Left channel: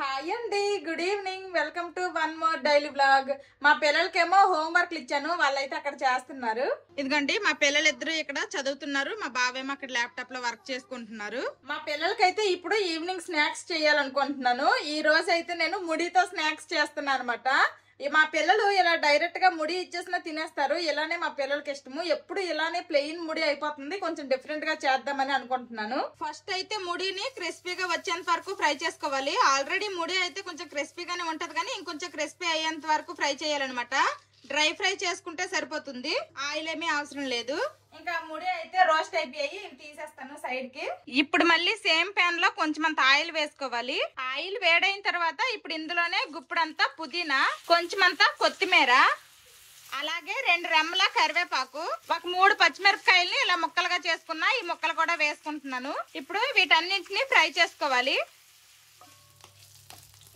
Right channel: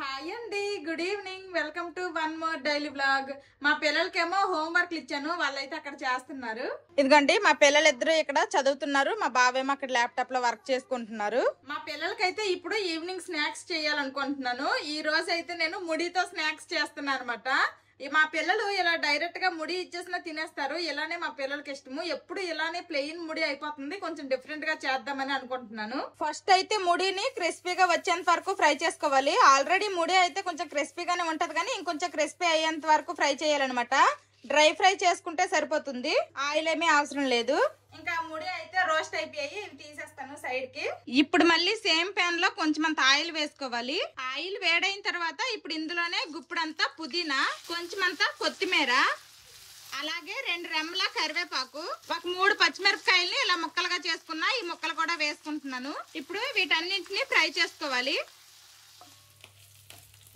Hi అండి, good evening. Welcome to one more daily blog. మా పిల్లలకేమో homework ఇచ్చాను, వాళ్ళైతే అక్కడ చేస్తున్నారు. ఇదిగోండి మా పిల్లలు ఇద్దరు ఇక్కడ చదువుతున్నారు, మా బావేమో అక్కడ ల్యాప్టాప్ లో వర్క్ చేసుకుంటున్నారు. మా పిల్లలకైతే ఇప్పుడు ఈవినింగ్ స్నాక్స్ చేయాలనుకుంటున్నాను. ఈ రోజు అయితే నేను ముడితో స్నాక్స్ చేస్తున్నాను అనమాట. మా పిల్లలు ఇలా డైరెక్ట్ గా ముడి ఇచ్చేసినా తినేస్తారు. ఇలానే మా పిల్లలకి ఇష్టము. ఎప్పుడు ఇలానే ప్లెయిన్ ముడి అయిపోతుంది, కొంచెం డిఫరెంట్ గా చేద్దామని అనుకుంటున్నాను. ఫస్ట్ అయితే ముడిని క్రిస్పీగా వచ్చేంత వరకు ఫ్రై చేసుకోవాలి. ఆల్రెడీ ముడి అయితే కొంచెం క్రిస్పీగానే ఉంటది, కానీ ఇంకొంచెం క్రిస్పీ అయ్యేంత వరకు ఫ్రై చేయాలన్నమాట. డ్రై ఫ్రై చేసుకుంటే సరిపోతుంది, ఆయిల్ ఏమీ అవసరం లేదు. ఇంకా ముడి అయితే రోస్ట్ అయిపోయాయి, ఇవి తీసేస్తాను సైడ్ కి. ఇప్పుడు మళ్ళీ సేమ్ ప్యాన్ లో కొంచెం అంత ఆయిల్ వేసుకోవాలి. ఆయిల్ వేడైన తర్వాత ఇప్పుడు ఇందులోనే గుప్పుడంతా పుదీనా, కొంచెం అంతా కొత్తిమీర, అలాగే 2 రెమ్మల కరివేపాకు, ఒక 3 పచ్చిమిరపకాయల్ని ఇలా ముక్కలుగా చేసుకున్నా, ఈ ముక్కలు కూడా వేసుకుంటున్నాను. ఇప్పుడు వీటన్నింటినీ ఫ్రై చేసుకోవాలి.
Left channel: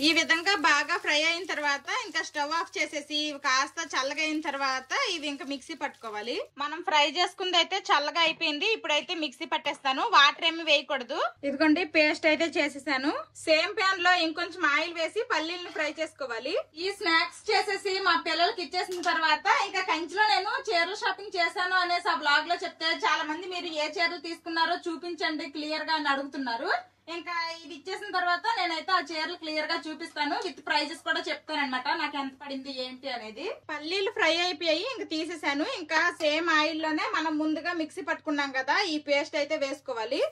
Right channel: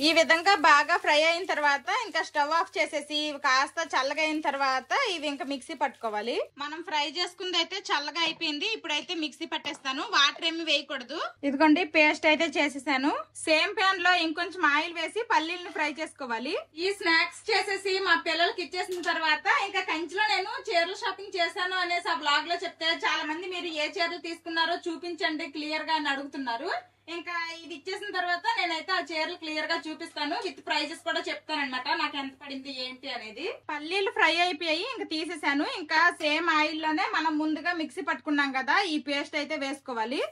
ఈ విధంగా బాగా ఫ్రై అయిన తర్వాత ఇంకా స్టవ్ ఆఫ్ చేసేసి ఇవి కాస్త చల్లగా అయిన తర్వాత ఇవి ఇంకా మిక్సీ పట్టుకోవాలి. మనం ఫ్రై చేసుకుంది అయితే చల్లగా అయిపోయింది. ఇప్పుడైతే మిక్సీ పట్టేస్తాను, వాటర్ ఏమి వేయకూడదు. ఇదిగోండి పేస్ట్ అయితే చేసేసాను. సేమ్ ప్యాన్ లో ఇంకొంచెం ఆయిల్ వేసి పల్లీల్ని ఫ్రై చేసుకోవాలి. ఈ స్నాక్స్ చేసేసి మా పిల్లలకి ఇచ్చేసిన తర్వాత ఇంకా కంచిలో నేను చీరల షాపింగ్ చేశాను అనేసి ఆ బ్లాగ్ లో చెప్తే చాలా మంది మీరు ఏ చీరలు తీసుకున్నారో చూపించండి క్లియర్ గా అని అడుగుతున్నారు. ఇంకా ఇది ఇచ్చేసిన తర్వాత నేనైతే ఆ చీరలు క్లియర్ గా చూపిస్తాను, విత్ ప్రైజెస్ కూడా చెప్తాను అనమాట, నాకు ఎంత పడింది ఏంటి అనేది. పల్లీలు ఫ్రై అయిపోయాయి, ఇంకా తీసేసాను. ఇంకా సేమ్ ఆయిల్ లోనే మనం ముందుగా మిక్సీ పట్టుకున్నాం కదా, ఈ పేస్ట్ అయితే వేసుకోవాలి.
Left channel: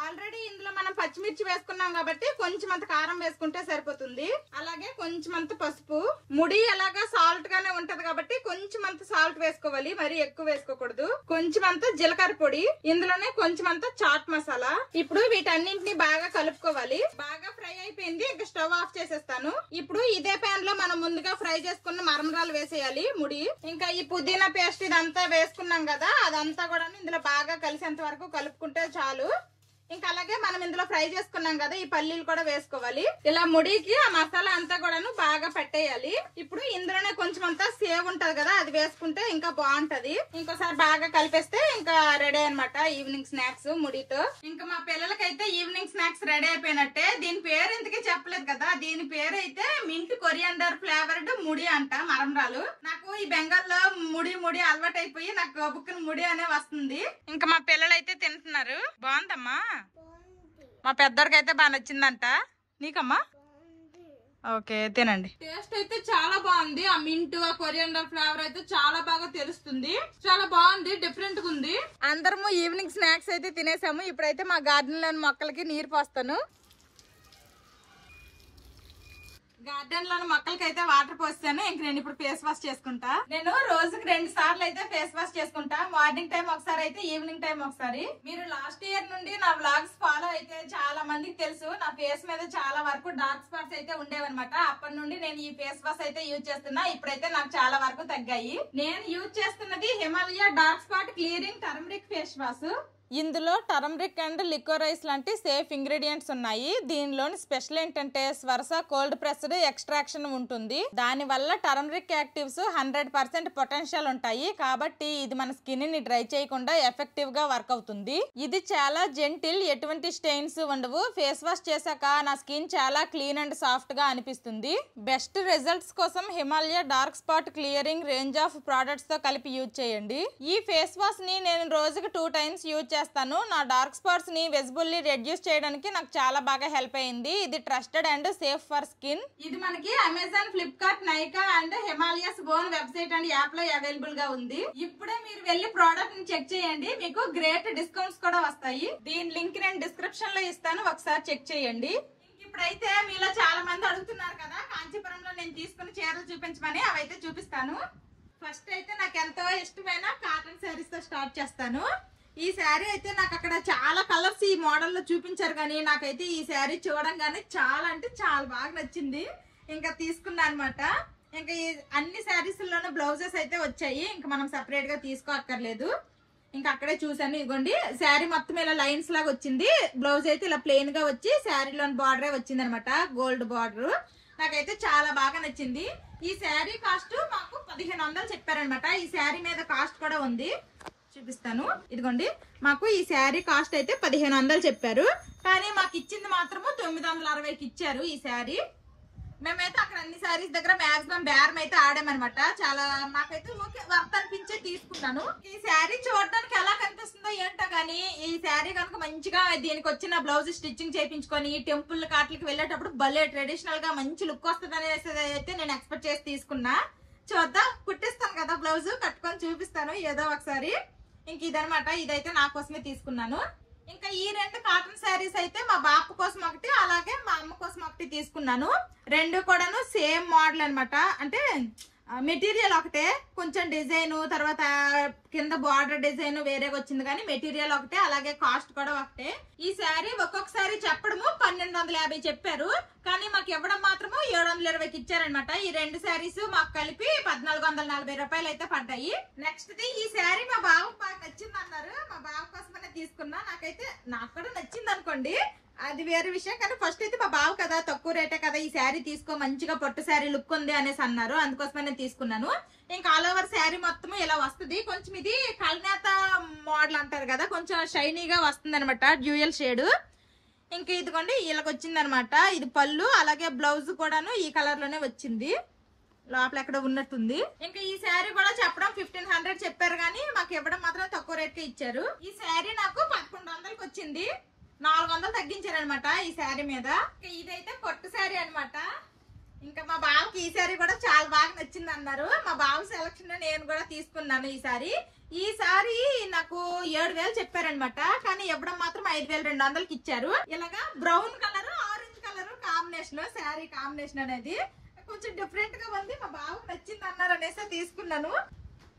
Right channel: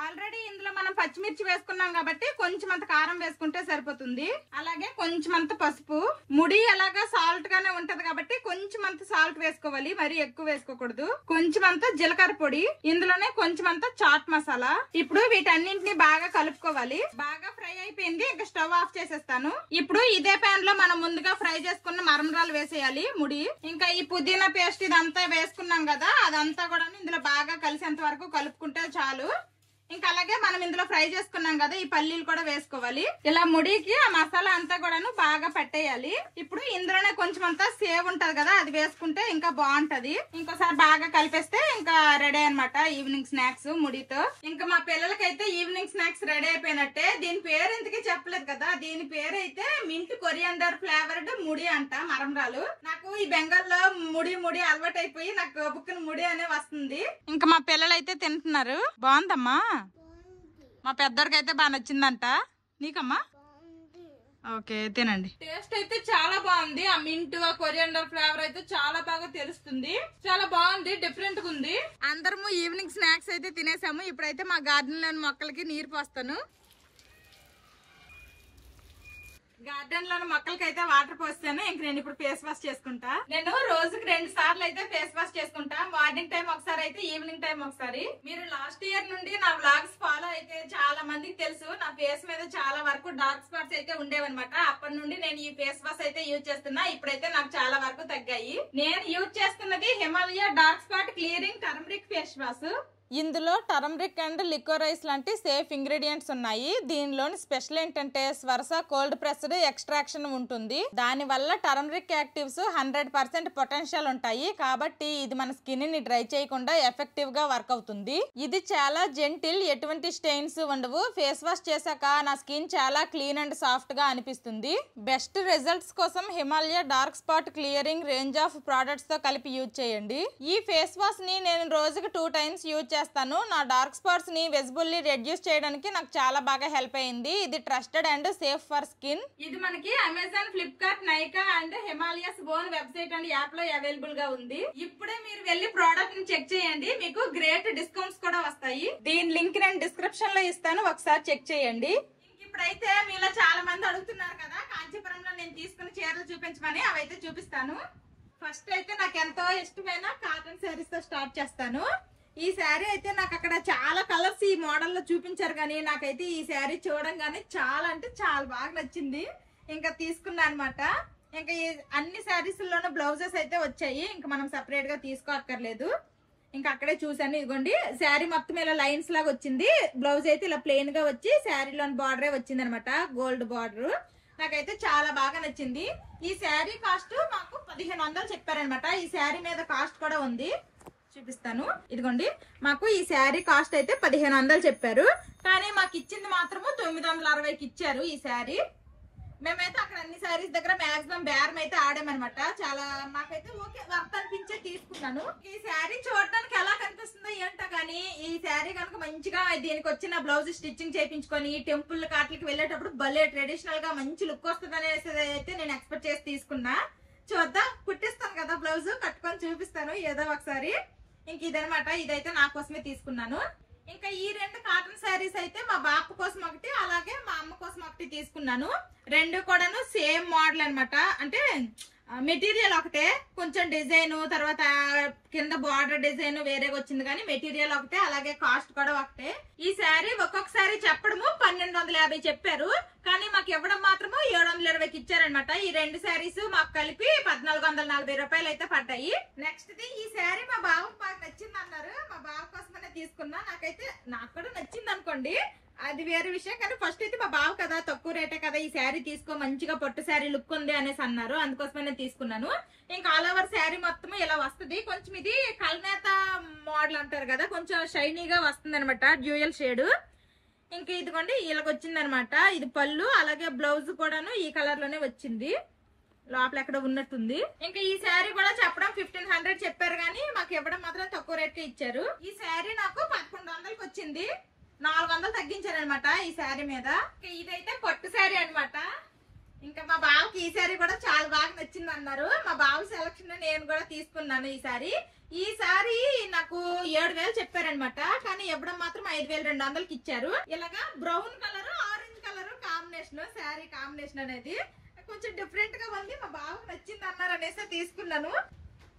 ఆల్రెడీ ఇందులో మనం పచ్చిమిర్చి వేసుకున్నాం కాబట్టి కొంచెం అంత కారం వేసుకుంటే సరిపోతుంది. అలాగే కొంచెం అంత పసుపు, ముడి అలాగా సాల్ట్ గానే ఉంటది కాబట్టి కొంచెం అంత సాల్ట్ వేసుకోవాలి, మరి ఎక్కువ వేసుకోకూడదు. కొంచెం అంత జీలకర్ర పొడి, ఇందులోనే కొంచెం అంత చాట్ మసాలా. ఇప్పుడు వీటన్నింటినీ బాగా కలుపుకోవాలి. బాగా ఫ్రై అయిపోయింది, ఇంకా స్టవ్ ఆఫ్ చేసేస్తాను. ఇప్పుడు ఇదే ప్యాన్ లో మనం ముందుగా ఫ్రై చేసుకున్న మరమరాలు వేసేయాలి ముడి. ఇంకా ఈ పుదీనా పేస్ట్ ఇదంతా వేసుకున్నాం కదా, అదంతా కూడా ఇందులో బాగా కలిసేంత వరకు కలుపుకుంటే చాలు. ఇంకా అలాగే మనం ఇందులో ఫ్రై చేసుకున్నాం కదా, ఈ పల్లీలు కూడా వేసుకోవాలి. ఇలా ముడికి ఆ మసాలా అంతా కూడాను బాగా పట్టేయాలి. ఇప్పుడు ఇందులోనే కొంచెం అంతా సేవ్ ఉంటది కదా, అది వేసుకుంటే ఇంకా బాగుంటది. ఇంకోసారి బాగా కలిపేస్తే ఇంకా రెడీ అనమాట ఈవినింగ్ స్నాక్స్ ముడితో. ఇంకా మా పిల్లలకైతే ఈవినింగ్ స్నాక్స్ రెడీ అయిపోయినట్టే. దీని పేరు ఇంతకీ చెప్పలేదు కదా, దీని పేరు అయితే మింట్ కొరియాండర్ ఫ్లేవర్డ్ ముడి అంట, మరమరాలు. నాకు ఈ బెంగాల్లో ముడి ముడి అలవాటు అయిపోయి నాకు బుక్కుని ముడి అనే వస్తుంది. ఇంకా మా పిల్లలు అయితే తింటున్నారు. బాగుందమ్మా, మా పెద్దోడికి అయితే బాగా నచ్చిందంట. నీకమ్మా? ఓకే తినండి. టేస్ట్ అయితే చాలా బాగుంది. ఆ మింట్ ఆ కొరియాండర్ ఫ్లేవర్ అయితే చాలా బాగా తెలుస్తుంది. చాలా బాగుంది, డిఫరెంట్ గా ఉంది. అందరము ఈవినింగ్ స్నాక్స్ అయితే తినేసాము. ఇప్పుడైతే మా గార్డెన్ లోని మొక్కలకి నీరు పోస్తాను. గార్డెన్ లోని మొక్కలకి అయితే వాటర్ పోస్తాను. ఇంక నేను ఇప్పుడు ఫేస్ వాష్ చేసుకుంటా. నేను రోజుకి 2 సార్లు అయితే ఫేస్ వాష్ చేసుకుంటా. మార్నింగ్ టైం ఒకసారి అయితే, ఈవినింగ్ టైం ఒకసారి. మీరు లాస్ట్ ఇయర్ నుండి నా వ్లాగ్స్ ఫాలో అయితే చాలా మందికి తెలుసు, నా ఫేస్ మీద చాలా వరకు డార్క్ స్పాట్స్ అయితే ఉండేవన్నమాట. అప్పటి నుండి నేను ఈ ఫేస్ వాష్ అయితే యూజ్ చేస్తున్నా. ఇప్పుడైతే నాకు చాలా వరకు తగ్గాయి. నేను యూజ్ చేస్తున్నది Himalaya dark spot clearing turmeric face wash. ఇందులో టర్మరిక్ అండ్ లికోరైస్ లాంటి సేఫ్ ఇంగ్రీడియంట్స్ ఉన్నాయి. దీనిలోని స్పెషల్ ఏంటంటే స్వర్స కోల్డ్ ప్రెస్డ్ ఎక్స్ట్రాక్షన్ ఉంటుంది. దాని వల్ల టర్మరిక్ యాక్టివ్స్ 100% పొటెన్షియల్ ఉంటాయి. కాబట్టి ఇది మన స్కిన్ ని డ్రై చేయకుండా ఎఫెక్టివ్ గా వర్క్ అవుతుంది. ఇది చాలా జెంటిల్, ఎటువంటి స్టెయిన్స్ ఉండవు. ఫేస్ వాష్ చేశాక నా స్కిన్ చాలా క్లీన్ అండ్ సాఫ్ట్ గా అనిపిస్తుంది. బెస్ట్ రిజల్ట్స్ కోసం Himalaya dark spot clearing range of products తో కలిపి యూజ్ చేయండి. ఈ ఫేస్ వాష్ ని నేను రోజుకి 2 టైమ్స్ యూజ్ చేస్తాను. నా డార్క్ స్పాట్స్ ని విజిబుల్లీ రెడ్యూస్ చేయడానికి నాకు చాలా బాగా హెల్ప్ అయింది. ఇది trusted and safe for skin. ఇది మనకి Amazon, Flipkart, Nykaa and Himalayas own website and app లో అవైలబుల్ గా ఉంది. ఇప్పుడే మీరు వెళ్లి ప్రోడక్ట్ ని చెక్ చేయండి, మీకు గ్రేట్ డిస్కౌంట్స్ కూడా వస్తాయి. దీని లింక్ నేను డిస్క్రిప్షన్ లో ఇస్తాను, ఒకసారి చెక్ చేయండి. ఇప్పుడైతే మీలో చాలా మంది అడుగుతున్నారు కదా కాంచీపురంలో నేను తీసుకున్న చీరలు చూపించమని, అవైతే చూపిస్తాను. ఫస్ట్ అయితే నాకు ఎంతో ఇష్టమైన కాటన్ శారీస్ తో స్టార్ట్ చేస్తాను. ఈ శారీ అయితే నాకు అక్కడ చాలా కలర్స్ ఈ మోడల్ లో చూపించారు, కానీ నాకైతే ఈ శారీ చూడంగానే చాలా అంటే చాలా బాగా నచ్చింది. ఇంకా తీసుకున్నా అనమాట. ఇంకా ఈ అన్ని శారీస్ లోనే బ్లౌజెస్ అయితే వచ్చాయి, ఇంకా మనం సెపరేట్ గా తీసుకోక్కర్లేదు. ఇంకా అక్కడే చూసాను. ఇదిగోండి శారీ మొత్తం ఇలా లైన్స్ లాగా వచ్చింది. బ్లౌజ్ అయితే ఇలా ప్లెయిన్ గా వచ్చి శారీలోని బార్డరే వచ్చింది అనమాట, గోల్డ్ బార్డర్. నాకైతే చాలా బాగా నచ్చింది. ఈ శారీ కాస్ట్ మాకు 1500 చెప్పారనమాట. ఈ శారీ మీద కాస్ట్ కూడా ఉంది, చూపిస్తాను. ఇదిగోండి, మాకు ఈ శారీ కాస్ట్ అయితే 1500 చెప్పారు, కానీ మాకు ఇచ్చింది మాత్రము 960కి ఇచ్చారు ఈ శారీ. మేమైతే అక్కడ అన్ని శారీస్ దగ్గర మాక్సిమం బేరం అయితే ఆడామన్నమాట. చాలా మాకైతే ఓకే వర్త్ అనిపించే తీసుకున్నాను. ఈ శారీ చూడడానికి ఎలా కనిపిస్తుందో ఏంటో కానీ ఈ శారీ కనుక మంచిగా దీనికి వచ్చిన బ్లౌజ్ స్టిచ్చింగ్ చేయించుకొని టెంపుల్ కాట్లకి వెళ్ళేటప్పుడు భలే ట్రెడిషనల్ గా మంచి లుక్ వస్తుంది అనేసి అయితే నేను ఎక్స్పెక్ట్ చేసి తీసుకున్నా. చూద్దాం, కుట్టిస్తాను కదా బ్లౌజ్, కట్టుకొని చూపిస్తాను ఏదో ఒకసారి. ఇంక ఇదనమాట, ఇదైతే నా కోసమే తీసుకున్నాను. ఇంకా ఈ 2 కాటన్ శారీస్ అయితే మా బాపు కోసం ఒకటి, అలాగే మా అమ్మ కోసం ఒకటి తీసుకున్నాను. 2 కూడాను సేమ్ మోడల్ అనమాట. అంటే మెటీరియల్ ఒకటే, కొంచెం డిజైన్ తర్వాత కింద బార్డర్ డిజైన్ వేరేగా వచ్చింది, కానీ మెటీరియల్ ఒకటే, అలాగే కాస్ట్ కూడా ఒకటే. ఈ శారీ ఒక్కొక్కసారి చెప్పడము 1250 చెప్పారు, కానీ మాకు ఇవ్వడం మాత్రము 720కి ఇచ్చారనమాట. ఈ 2 శారీస్ మాకు కలిపి 1440 రూపాయలు అయితే పడ్డాయి. నెక్స్ట్ ది ఈ శారీ మా బావకు బాగా నచ్చింది అన్నారు, మా బావ కోసమనే తీసుకున్నా. నాకు కూడా నచ్చింది అనుకోండి, అది వేరే విషయం, కానీ ఫస్ట్ అయితే మా బావ కదా తక్కువ రేటే కదా ఈ శారీ తీసుకో, మంచిగా పట్టు శారీ లుక్ ఉంది అనేసి అన్నారు, అందుకోసమే నేను తీసుకున్నాను. ఇంకా ఆల్ ఓవర్ శారీ మొత్తం ఇలా వస్తుంది. కొంచెం ఇది కల్నేత మోడల్ అంటారు కదా, కొంచెం షైనీగా వస్తుంది అనమాట, డ్యూయల్ షేడ్. ఇంక ఇదిగోండి ఇలాగ వచ్చింది అనమాట. ఇది పళ్ళు, అలాగే బ్లౌజ్ కూడాను ఈ కలర్ లోనే వచ్చింది, లోపల ఎక్కడ ఉన్నట్టుంది. ఇంకా ఈ శారీ కూడా చెప్పడం 1500 చెప్పారు, కానీ మాకు ఇవ్వడం మాత్రం తక్కువ రేట్ కి ఇచ్చారు. ఈ శారీ నాకు 1100కి వచ్చింది, 400 తగ్గించారనమాట ఈ శారీ మీద. ఇదైతే పట్టు శారీ అనమాట. ఇంకా మా బావకి ఈ శారీ కూడా చాలా బాగా నచ్చింది అన్నారు. మా బావ సెలక్షన్ నేను కూడా తీసుకున్నాను ఈ శారీ. ఈ శారీ నాకు 7000 చెప్పారనమాట, కానీ ఇవ్వడం మాత్రం 5200కి ఇచ్చారు. ఇలాగా brown colour orange colour combination, sari combination అనేది కొంచెం డిఫరెంట్ గా ఉంది, మా బావకు నచ్చింది అన్నారు అనేసి తీసుకున్నాను.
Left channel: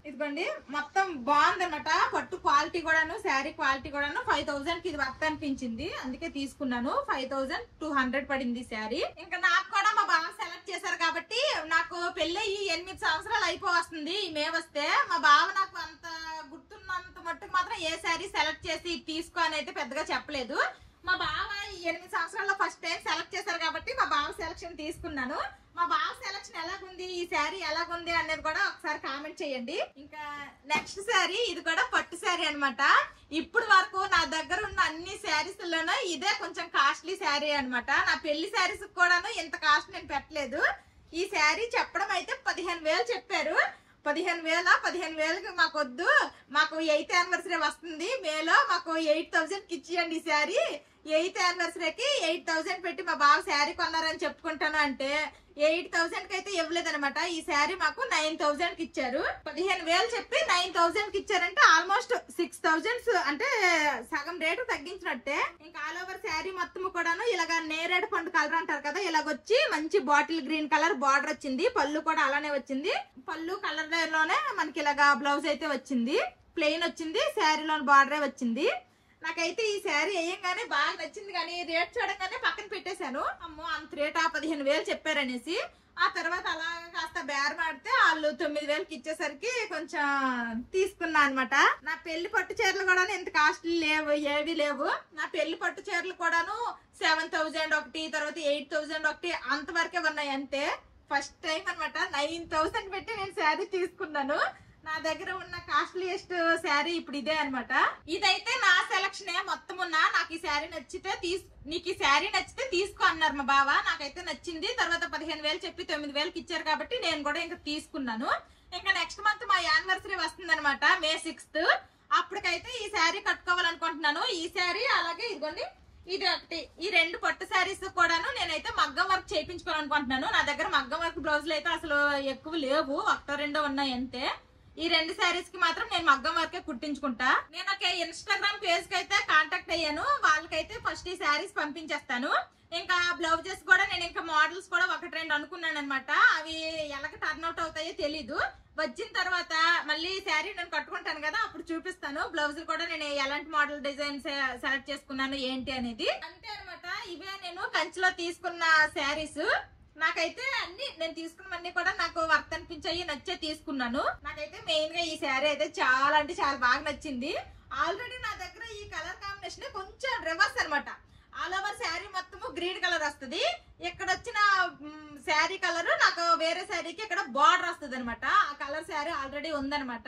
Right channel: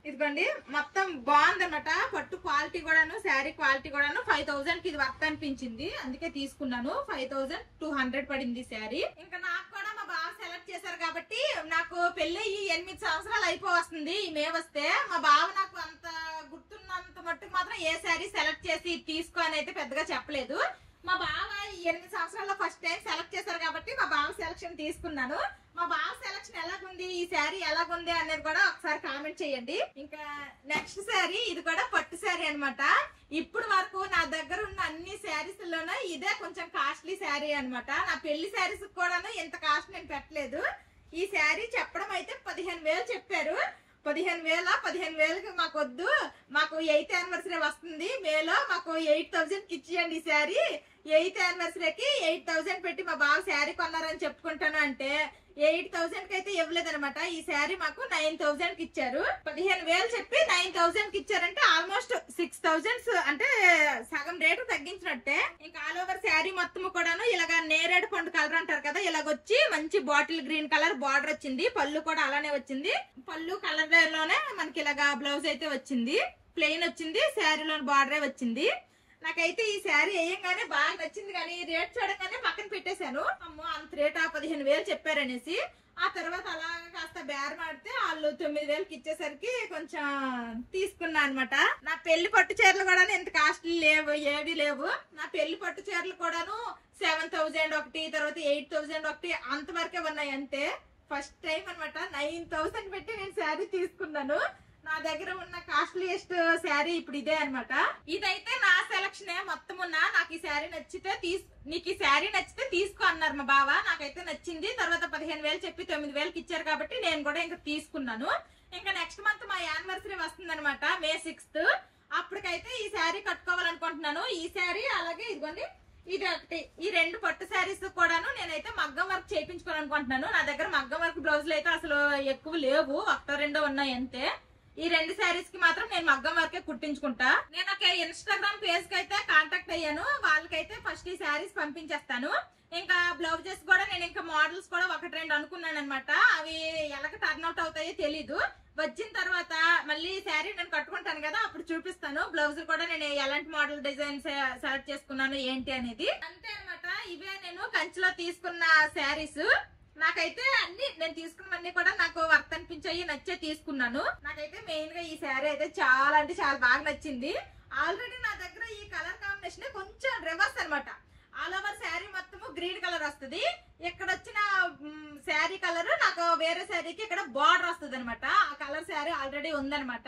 ఇదిగోండి మొత్తం బాగుందన్నమాట, పట్టు క్వాలిటీ కూడాను శారీ క్వాలిటీ కూడాను 5000కి ఇది వర్త్ అనిపించింది, అందుకే తీసుకున్నాను. 5200 పడింది శారీ. ఇంకా నాకు కూడా మా బావ సెలెక్ట్ చేశారు కాబట్టి, నాకు పెళ్ళి 8 సంవత్సరాలు అయిపోవస్తుంది ఈ మే వస్తే. మా బావ నాకు అంత గుర్తున్నంత మట్టుకు మాత్రం ఏ శారీ సెలెక్ట్ చేసి తీసుకో అని అయితే పెద్దగా చెప్పలేదు. మా బావ 8 సంవత్సరాల్లో ఫస్ట్ టైం సెలెక్ట్ చేశారు కాబట్టి మా బావ సెలక్షన్ తీసుకున్నాను. మా బావ సెలక్షన్ ఎలాగుంది, ఈ శారీ ఎలాగుంది అనేది కూడా ఒకసారి కామెంట్ చేయండి. ఇంకా నెక్స్ట్ శారీ, ఇది కూడా పట్టు శారీ అనమాట. ఇప్పుడు వరకు నా దగ్గర ఉన్న అన్ని శారీస్ లోనూ ఇదే కొంచెం కాస్ట్లీ శారీ అనమాట. నా పెళ్లి శారీస్ కూడాను ఇంత కాస్ట్ నేను పెట్టలేదు. ఈ శారీ చెప్పడం అయితే 15000 చెప్పారు. 15000కి మాకు వద్దు, మాకు 8th యానివర్సరీ వస్తుంది మేలో, మాకు 8000కి ఇచ్చేయండి ఈ శారీ. 8th యానివర్సరీకి 8000 పెట్టి మా బావ శారీ కొన్నారని చెప్పుకుంటాను అంటే 8000కి అయితే ఇవ్వలేదనమాట. ఈ శారీ మాకు 9000కి ఇచ్చారు. 15000 చెప్పి 9000కి ఇచ్చారంటే ఆల్మోస్ట్ 6000 అంటే సగం రేటు తగ్గించినట్టే. ఇంకా ఆల్ ఓవర్ శారీ మొత్తం కూడాను ఇలాగా నేరేడు పండు కలర్ అంటారు కదా, ఇలాగొచ్చి మంచి బాటిల్ గ్రీన్ కలర్ బార్డర్ వచ్చింది. పళ్ళు కూడా అలానే వచ్చింది, పళ్ళు కలర్ లోనే మనకి ఇలాగా బ్లౌజ్ అయితే వచ్చింది, ప్లెయిన్ వచ్చింది, శారీలోని బార్డరే వచ్చింది. నాకైతే ఈ శారీ వేయంగానే బాగా నచ్చింది, కానీ రేట్ చూడగానే పక్కన పెట్టేశాను. అమ్మో అంత రేటా 15000 చెప్పారనేసి. ఆ తర్వాత అలా కాస్త బేరం ఆడితే వాళ్ళు 9000కి ఇచ్చేసరికి కొంచెం తీసుకున్నా అనమాట. నా పెళ్లి పట్టు చీరలు కూడా ఇంత కాస్ట్లీ లేవు, ఏవి లేవు. నా పెళ్లి పట్టు చీరలు కూడాను 7000 ఒకటి, తర్వాత 8000 ఒకటి, అంతవరకే ఉన్నాయి అంతే. ఫస్ట్ టైం అనమాట 9000 పెట్టి నేను శారీ తీసుకున్నాను. నా దగ్గర ఉన్న కాస్ట్లీయెస్ట్ శారీ ఇప్పుడు ఇదే అనమాట. ఇదైతే నా సెలక్షనే మొత్తం ఉన్నా. నాకు ఈ శారీ నచ్చితే నీకు ఈ శారీ నచ్చితే తీసుకో అన్నారు మా బావ. నాకైతే నచ్చింది. తర్వాత 15000 చెప్పి 9000కి ఇచ్చారు కాబట్టి నేను కూడా ఇంకా తీసుకున్నాను. ఇంకా నెక్స్ట్ మంత్ మా యానివర్సరీ వస్తుంది అనమాట, May 6th. అప్పటికైతే ఈ శారీ కట్టుకోవాలనుకుంటున్నాను. ఈ శారీ అలాగే ఇదిగోండి ఇది ఒకటి, ఈ 2 పట్టు శారీస్ కూడాను నేనైతే మగ్గం వర్క్ చేయించుకోవాలనుకుంటున్నాను. నా దగ్గర మగ్గం వర్క్ బ్లౌజులు అయితే అసలు ఎక్కువ లేవు, 1-2 ఉన్నాయి అంతే. ఈ 2 శారీస్ కి మాత్రం నేను మగ్గం వరకే కుట్టించుకుంటా. నేను ఒక ఇన్స్టాగ్రామ్ పేజ్ కి అయితే కాంటాక్ట్ అయ్యాను, వాళ్ళకైతే ఫస్ట్ ఈ శారీస్ పంపించేస్తాను. ఇంకా బ్లౌజెస్ కూడా నేను ఇంకా మోడల్స్ కూడా 1-2 అనుకున్నాను అనమాట. అవి ఎలాగ టర్న్ అవుట్ అవుతాయో తెలీదు. వచ్చిన తర్వాత మళ్ళీ శారీ నేను కట్టుకుంటాను కదా, అప్పుడు చూపిస్తాను. బ్లౌజులు కూడా నేను ఎలాంటి మోడల్ డిజైన్ సెలెక్ట్ చేసుకున్నాను ఏంటి అనేది. అంతే అనమాట. ఇవే నేను కంచిలో తీసుకున్న శారీస్. నాకైతే అన్ని నేను తీసుకున్నవన్నీ కూడా నాకు వర్త్ అనిపించాయి, నచ్చే తీసుకున్నాను. నాకైతే మెయిన్ గా ఈ శారీ అయితే చాలా అంటే చాలా బాగా నచ్చింది. ఆల్రెడీ నా దగ్గర ఈ కలర్ కాంబినేషన్ కొంచెం రివర్స్ అనమాట. ఆల్ ఓవర్ శారీ మొత్తము గ్రీన్ కలర్ వస్తుంది, ఇక్కడ వచ్చిన శారీ కలర్ నాకు వేరే శారీకి ఇక్కడ బార్డర్ వస్తుంది అనమాట. ఆ కలర్ శారీ ఆల్రెడీ ఉందనమాట.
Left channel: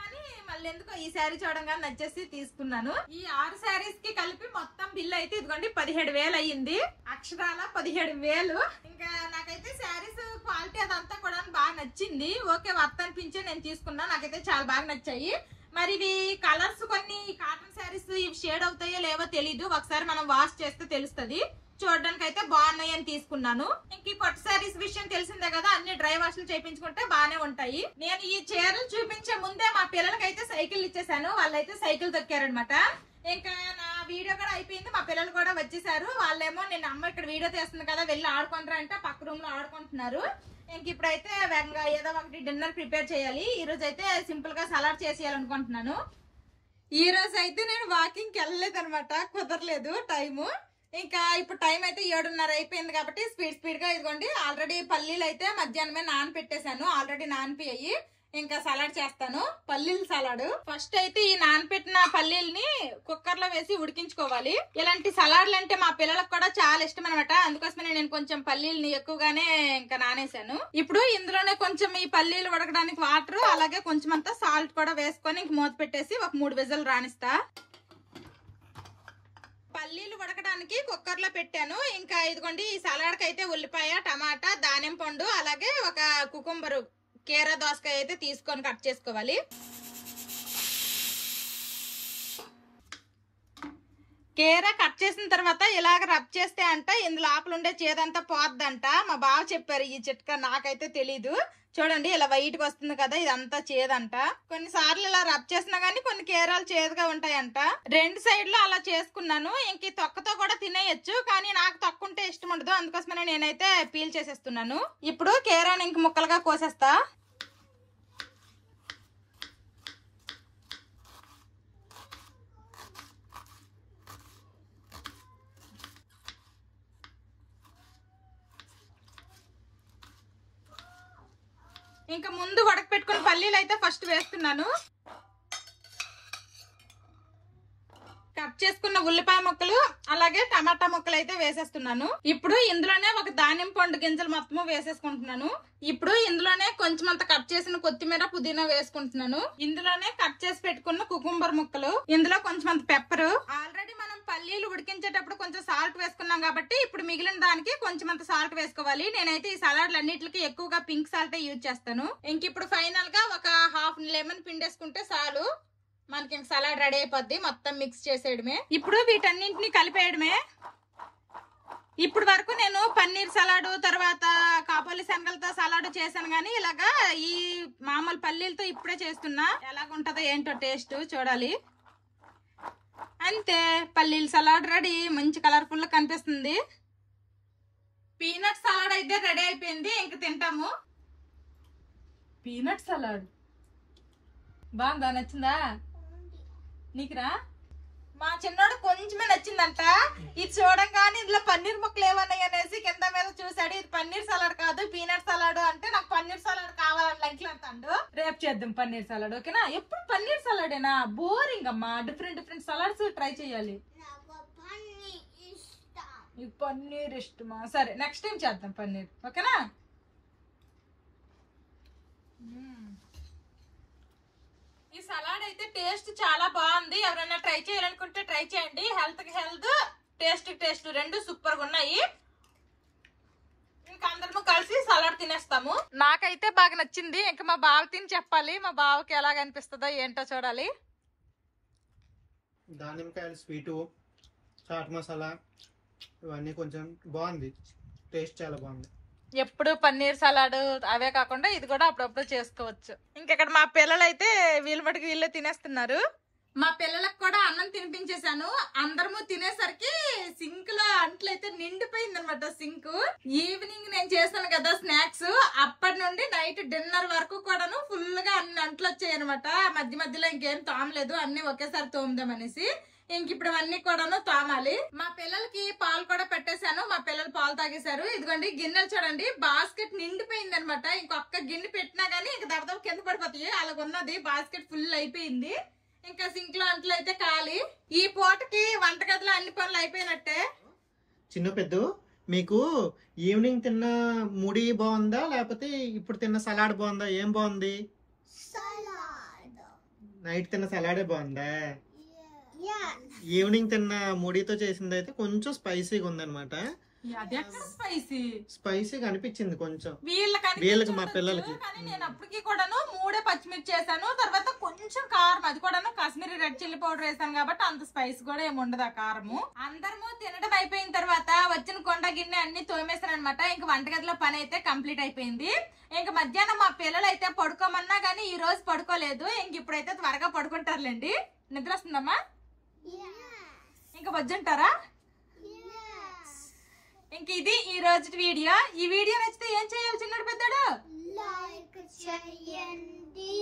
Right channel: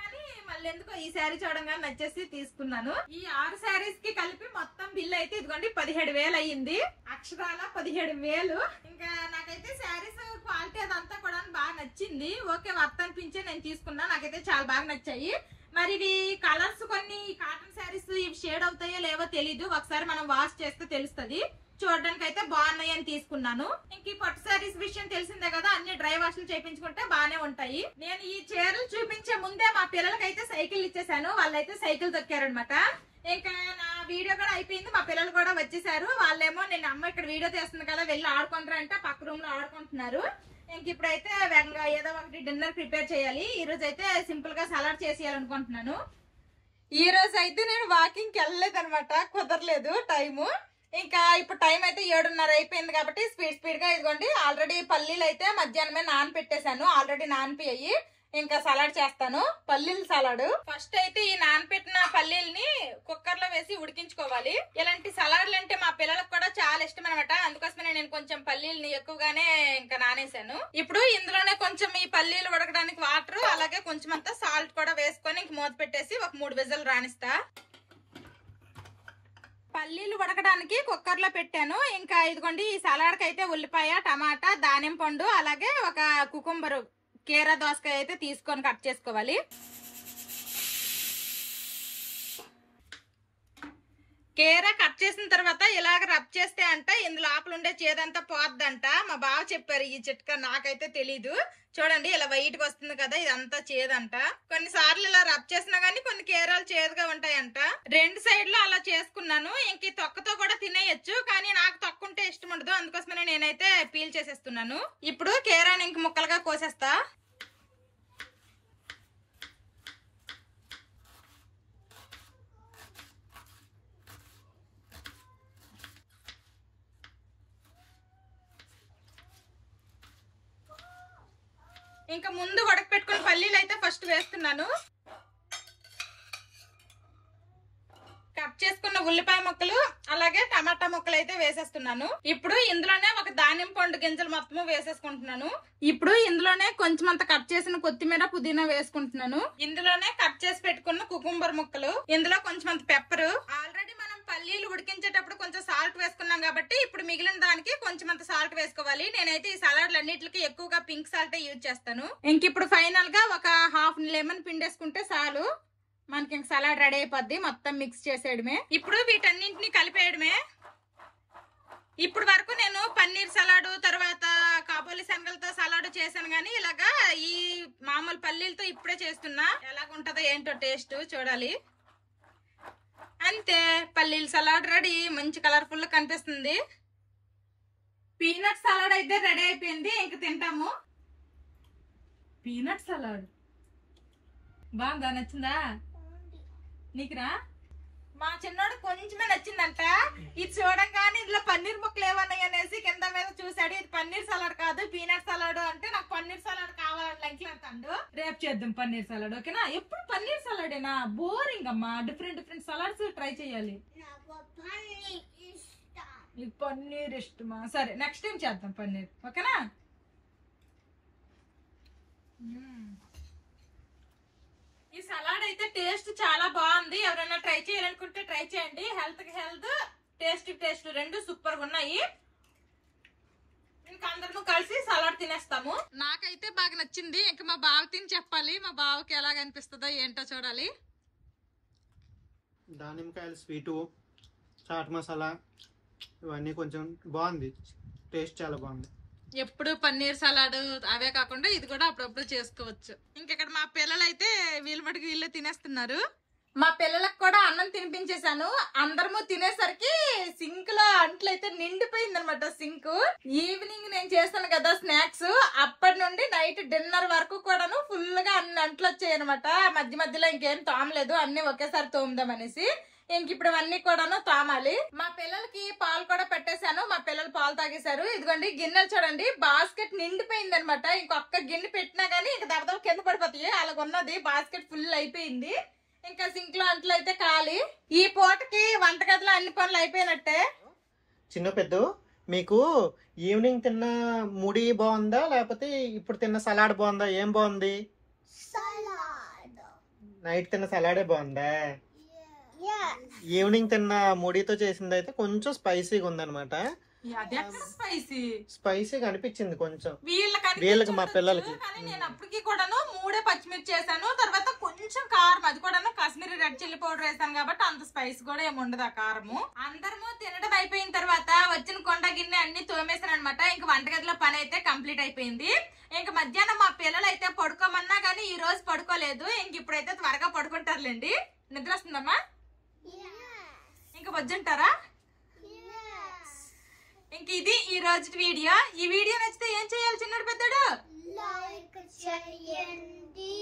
కానీ మళ్ళీ ఎందుకో ఈ శారీ చూడంగానే నచ్చేసి తీసుకున్నాను. ఈ 6 శారీస్ కి కలిపి మొత్తం బిల్ అయితే ఇదిగోండి 17,000 అయ్యింది. అక్షరాల 17,000. ఇంకా నాకైతే శారీస్ క్వాలిటీ అదంతా కూడా బాగా నచ్చింది. ఓకే వర్త్ అనిపించే నేను తీసుకున్నా. నాకైతే చాలా బాగా నచ్చాయి. మరి ఇవి కలర్స్ కొన్ని కాటన్ శారీస్ ఇవి షేడ్ అవుతాయో లేవో తెలీదు. ఒకసారి మనం వాష్ చేస్తే తెలుస్తుంది. చూడడానికి అయితే బాగున్నాయి అని తీసుకున్నాను. ఇంక ఈ పట్టు శారీస్ విషయం తెలిసిందే కదా, అన్ని డ్రై వాష్లు చేయించుకుంటే బాగానే ఉంటాయి. నేను ఈ చీరలు చూపించే ముందే మా పిల్లలకైతే సైకిల్ ఇచ్చేసాను. వాళ్ళైతే సైకిల్ తొక్కారనమాట. ఇంకా నా వీడియో కూడా అయిపోయింది. మా పిల్లలు కూడా వచ్చేసారు. వాళ్ళేమో నేను అమ్మ ఇక్కడ వీడియో తీస్తుంది కదా వెళ్ళి ఆడుకుంటారంటే పక్క రూమ్ లో ఆడుకుంటున్నారు. ఇంక ఇప్పుడైతే ఏదో ఒకటి డిన్నర్ ప్రిపేర్ చేయాలి. ఈ రోజు అయితే సింపుల్ గా సలాడ్ చేసేయాలనుకుంటున్నాను. ఈ రోజు అయితే నేను వాకింగ్ కి వెళ్ళలేదు అనమాట, కుదరలేదు టైము. ఇంకా ఇప్పుడు టైం అయితే 7:30 అయిపోయింది కాబట్టి స్పీడ్ గా ఇదిగోండి ఆల్రెడీ పల్లీలు అయితే మధ్యాహ్నమే నానపెట్టేశాను. ఆల్రెడీ నానిపోయాయి. ఇంకా సలాడ్ చేస్తాను. పల్లీల సలాడ్. ఫస్ట్ అయితే ఈ నానపెట్టిన పల్లీల్ని కుక్కర్ లో వేసి ఉడికించుకోవాలి. ఇలాంటి సలాడ్లు అంటే మా పిల్లలకు కూడా చాలా ఇష్టం అనమాట. అందుకోసమే నేను కొంచెం పల్లీల్ని ఎక్కువగానే ఇంకా నానేసాను. ఇప్పుడు ఇందులోనే కొంచెం ఈ పల్లీలు ఉడకడానికి వాటర్ అలాగే కొంచెం అంతా సాల్ట్ కూడా వేసుకొని ఇంక మూత పెట్టేసి ఒక 3 విజిల్ రాణిస్తా. పల్లీలు ఉడకడానికి కుక్కర్ లో పెట్టాను. ఇంకా ఇదిగోండి ఈ సలాడ్ కి అయితే ఉల్లిపాయ, టమాటా, దానిమ్మ పండు అలాగే ఒక కుకుంబర్ కీరా దోసకాయ అయితే తీసుకొని కట్ చేసుకోవాలి. కీరా కట్ చేసిన తర్వాత ఇలాగ రబ్ చేస్తే అంట ఇందులో ఆకులు ఉండే చేదంతా పోద్దంట. మా బావ చెప్పారు ఈ చిట్కా, నాకైతే తెలీదు. చూడండి ఇలా వైట్ గా వస్తుంది కదా, ఇదంతా చేదంట. కొన్నిసార్లు ఇలా రబ్ చేసినా గానీ కొన్ని కీరాలు చేదుగా ఉంటాయంట. 2 సైడ్లు అలా చేసుకున్నాను. ఇంక తొక్కతో కూడా తినేయచ్చు, కానీ నాకు తొక్కుంటే ఇష్టం ఉండదు. అందుకోసమనే నేనైతే పీల్ చేసేస్తున్నాను. ఇప్పుడు కీరాని ఇంక ముక్కలుగా కోసేస్తా. ఇంకా ముందు ఉడక పెట్టుకున్న పల్లీలు అయితే ఫస్ట్ వేస్తున్నాను. కట్ చేసుకున్న ఉల్లిపాయ ముక్కలు అలాగే టమాటా ముక్కలు అయితే వేసేస్తున్నాను. ఇప్పుడు ఇందులోనే ఒక దానిమ్మ పండు గింజలు మొత్తము వేసేసుకుంటున్నాను. ఇప్పుడు ఇందులోనే కొంచెం అంత కట్ చేసిన కొత్తిమీర, పుదీనా వేసుకుంటున్నాను. ఇందులోనే కట్ చేసి పెట్టుకున్న కుకుంబర్ ముక్కలు, ఇందులో కొంచెం అంత పెప్పర్. ఆల్రెడీ మనం పల్లీలు ఉడికించేటప్పుడు కొంచెం సాల్ట్ వేసుకున్నాం కాబట్టి ఇప్పుడు మిగిలిన దానికి కొంచెం అంత సాల్ట్ వేసుకోవాలి. నేనైతే ఈ సలాడ్లు అన్నిటికి ఎక్కువగా పింక్ సాల్ట్ యూజ్ చేస్తాను. ఇంక ఇప్పుడు ఫైనల్ గా ఒక హాఫ్ లెమన్ పిండేసుకుంటే చాలు, మనకి ఇంక సలాడ్ రెడీ అయిపోద్ది. మొత్తం మిక్స్ చేసేయడమే. ఇప్పుడు వీటన్నింటినీ కలిపేయడమే. ఇప్పుడు వరకు నేను పన్నీర్ సలాడ్ తర్వాత కాబూలి శనగలతో సలాడ్ చేశాను, గానీ ఇలాగా ఈ మామూలు పల్లీలతో ఇప్పుడే చేస్తున్నా. ఎలాగుంటదో ఏంటో టేస్ట్ చూడాలి. అంతే, పల్లీల సలాడ్ రెడీ. మంచి కలర్ఫుల్ కనిపిస్తుంది. పీనట్ సలాడ్ అయితే రెడీ అయిపోయింది. ఇంక తింటాము. పీనట్ సలాడ్ బాగుందా? నచ్చిందా నీకురా? మా చిన్నోడు కొంచెమే నచ్చిందంట. ఇది చూడంగానే ఇందులో పన్నీర్ ముక్కలు ఏమన్నాయి అనేసి కింద మీద చూసాడు. ఇది పన్నీర్ సలాడ్ కాదు పీనట్ సలాడ్ అంటే, నాకు పన్నీర్ సలాడ్ కావాలని లైక్ అంటాడు. రేపు చేద్దాం పన్నీర్ సలాడ్, ఓకేనా? ఎప్పుడు పన్నీర్ సలాడేనా? బోరింగ్ అమ్మా. డిఫరెంట్ సలాడ్స్ ట్రై చేయాలి. నీకు పన్నీర్ ఇష్టమా? సరే నెక్స్ట్ టైం చేద్దాం పన్నీర్, ఓకేనా? ఈ సలాడ్ అయితే టేస్ట్ చాలా బాగుంది. ఎవరైనా ట్రై చేయాలనుకుంటే ట్రై చేయండి. హెల్త్ కి హెల్త్, టేస్ట్ కి టేస్ట్ రెండు సూపర్ గా ఉన్నాయి. ఇంకా అందరము కలిసి సలాడ్ తినేస్తాము. నాకైతే బాగా నచ్చింది. ఇంకా మా బావ తిని చెప్పాలి, మా బావకి ఎలాగ అనిపిస్తుందో ఏంటో చూడాలి. దానిమ్మకాయలు స్వీటు, చాట్ మసాలా ఇవన్నీ కొంచెం బాగుంది. టేస్ట్ చాలా బాగుంది. ఎప్పుడు పన్నీర్ సలాడ్ అవే కాకుండా ఇది కూడా అప్పుడప్పుడు చేసుకోవచ్చు. ఇంకెక్కడ మా పిల్లలు అయితే వీళ్ళ మటుకు వీళ్ళే తినేస్తున్నారు. మా పిల్లలకు కూడా అన్నం తినిపించేశాను. అందరము తినేసరికి సింక్ లో అంట్లు అయితే నిండిపోయింది అనమాట. సింక్ ఈవినింగ్ నేను చేశాను కదా స్నాక్స్, అప్పటి నుండి నైట్ డిన్నర్ వరకు కూడాను ఫుల్ గా అన్ని అంట్లు వచ్చాయి అనమాట. మధ్య మధ్యలో ఇంకేం తోమలేదు, అన్ని ఒకేసారి తోముదామనేసి. ఇంక ఇప్పుడు అన్ని కూడాను తోమాలి. మా పిల్లలకి పాలు కూడా పెట్టేశాను. మా పిల్లలు పాలు తాగేశారు. ఇదిగోండి గిన్నెలు చూడండి, బాస్కెట్ నిండిపోయింది అనమాట. ఇంకొక గిన్నె పెట్టినా గానీ ఇంక దడదవ కింద పడిపోతాయి, అలాగున్నది. బాస్కెట్ ఫుల్ అయిపోయింది. ఇంకా సింక్ లో అంట్లు అయితే ఖాళీ. ఈ పూటకి వంటగదిలో అన్ని పనులు అయిపోయినట్టే. చిన్న పెద్ద, మీకు ఈవినింగ్ తిన్న ముడి బాగుందా లేకపోతే ఇప్పుడు తిన్న సలాడ్ బాగుందా? ఏం బాగుంది? నైట్ తిన్న సలాడే బాగుందా? ఈవినింగ్ తిన్న ముడితో చేసింది అయితే కొంచెం స్పైసీగా ఉందన్నమాట. స్పైసీగా అనిపించింది కొంచెం వీళ్ళకి, మా పిల్లలకి. కానీ నేను అప్పటికి కూడాను 3 పచ్చిమిర్చి చేశాను, తర్వాత కొంచెం కారం, అది కూడాను కాశ్మీరీ రెడ్ చిల్లీ పౌడర్ వేసాను కాబట్టి అంత స్పైస్ కూడా ఏమి ఉండదు ఆ కారము. అందరము తినడం అయిపోయిన తర్వాత వచ్చిన కొండ గిన్నె అన్ని తోమేశాను అనమాట. ఇంక వంటగదిలో పని అయితే కంప్లీట్ అయిపోయింది. ఇంక మధ్యాహ్నం మా పిల్లలు అయితే పడుకోమన్నా కానీ ఈ రోజు పడుకోలేదు. ఇంక ఇప్పుడైతే త్వరగా పడుకుంటారులేండి. నిద్ర వస్తుందమ్మా? ఇంకా వద్దంటారా? ఇంక ఇది ఈ రోజు వీడియో. ఈ వీడియో నచ్చితే ఏం చేయాలి చిన్నడు పెద్దడు? లైక్ చేయండి,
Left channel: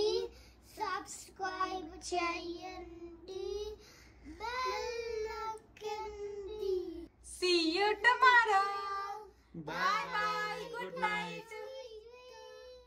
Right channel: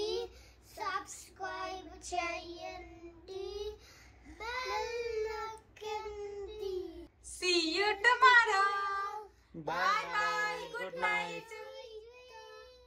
సబ్స్క్రైబ్ చేయండి, బెల్ నొక్కండి. See you tomorrow. Bye.